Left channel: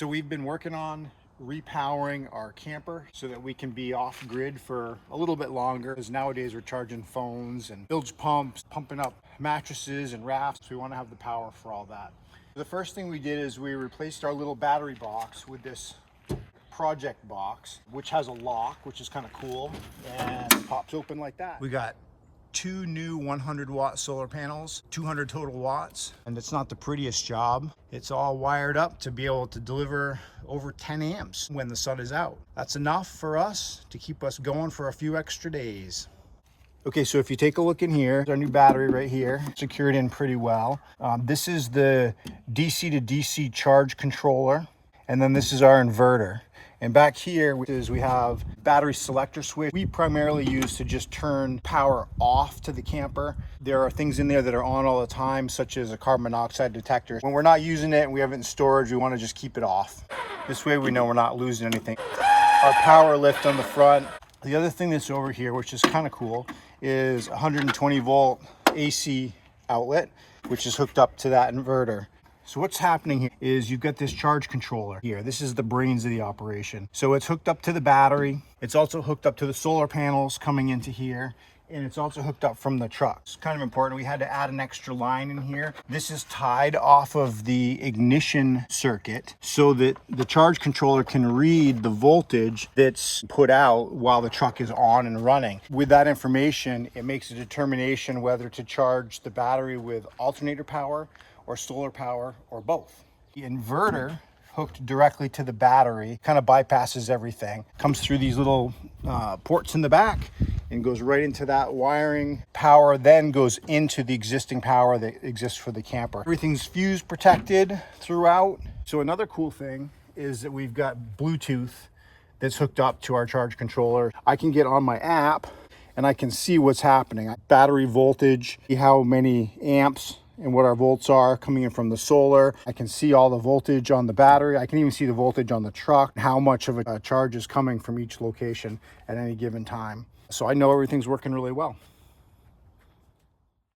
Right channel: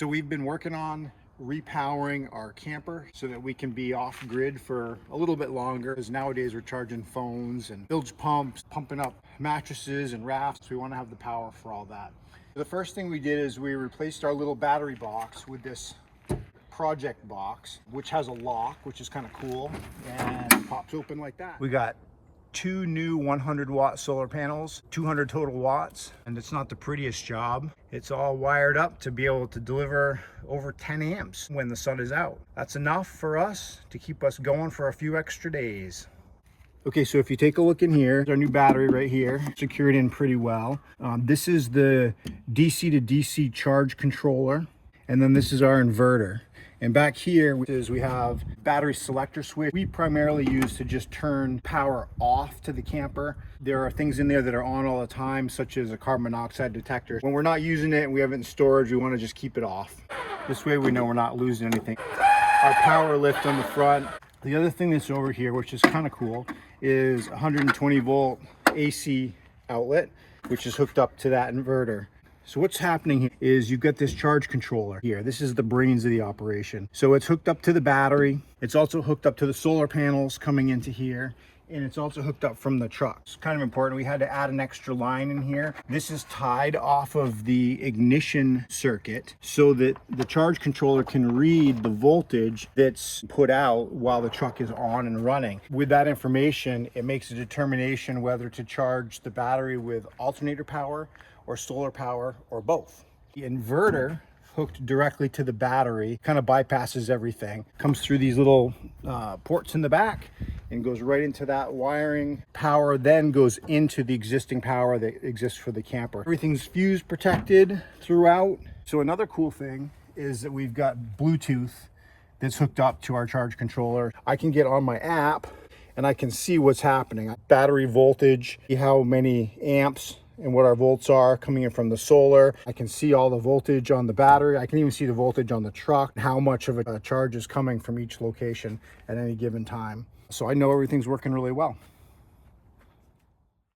So we've been working on repowering our camper so that we can be off grid for a little bit longer, because nowadays we're charging phones and bilge pumps, pumping up mattresses and rafts. We want to have the power for all that. The first thing we did is we replaced our little battery box with this project box, which has a lock, which is kind of cool, and it pops open like that. We got two new 100-watt solar panels, 200 total watts, and it's not the prettiest job. It's all wired up to be able to deliver over 10 amps when the sun is out. That's enough for us to keep us going for a few extra days. Okay, so if you take a look in here, our new battery right here, secured in pretty well. This is the DC to DC charge controller, and then this is our inverter. And back here we have battery selector switch. We primarily use to just turn power off to the camper. There are things in there that are on all the time, such as a carbon monoxide detector. When we're not using it and we have it in storage, we want to just keep it off. This way we know we're not losing anything. Our power lift on the front. The other thing that's over here, which is kind of cool, is 120 volt AC outlet, which is hooked up to that inverter. So what's happening here is you've got this charge controller here. This is the brains of the operation. So it's hooked up to the battery. It's also hooked up to the solar panels coming into here. And it's also hooked up from the truck. It's kind of important. We had to add an extra line in here. This is tied off of the ignition circuit so that the charge controller can read the voltage that's put out while the truck is on and running. With that information, it makes a determination whether to charge the battery with alternator power or solar power, or both. The inverter hooked directly to the battery kind of bypasses everything, comes through these little ports in the back and goes right into that wiring. Power then goes into the existing power that exists for the camper. Everything's fuse protected throughout. So another cool thing is that we've got Bluetooth that's hooked up to our charge controller. I can get on my app and I can see what's happening. Battery voltage, how many amps and what our volts are coming in from the solar. I can see all the voltage on the battery. I can even see the voltage on the truck, how much of a charge is coming from each location at any given time. So I know everything's working really well.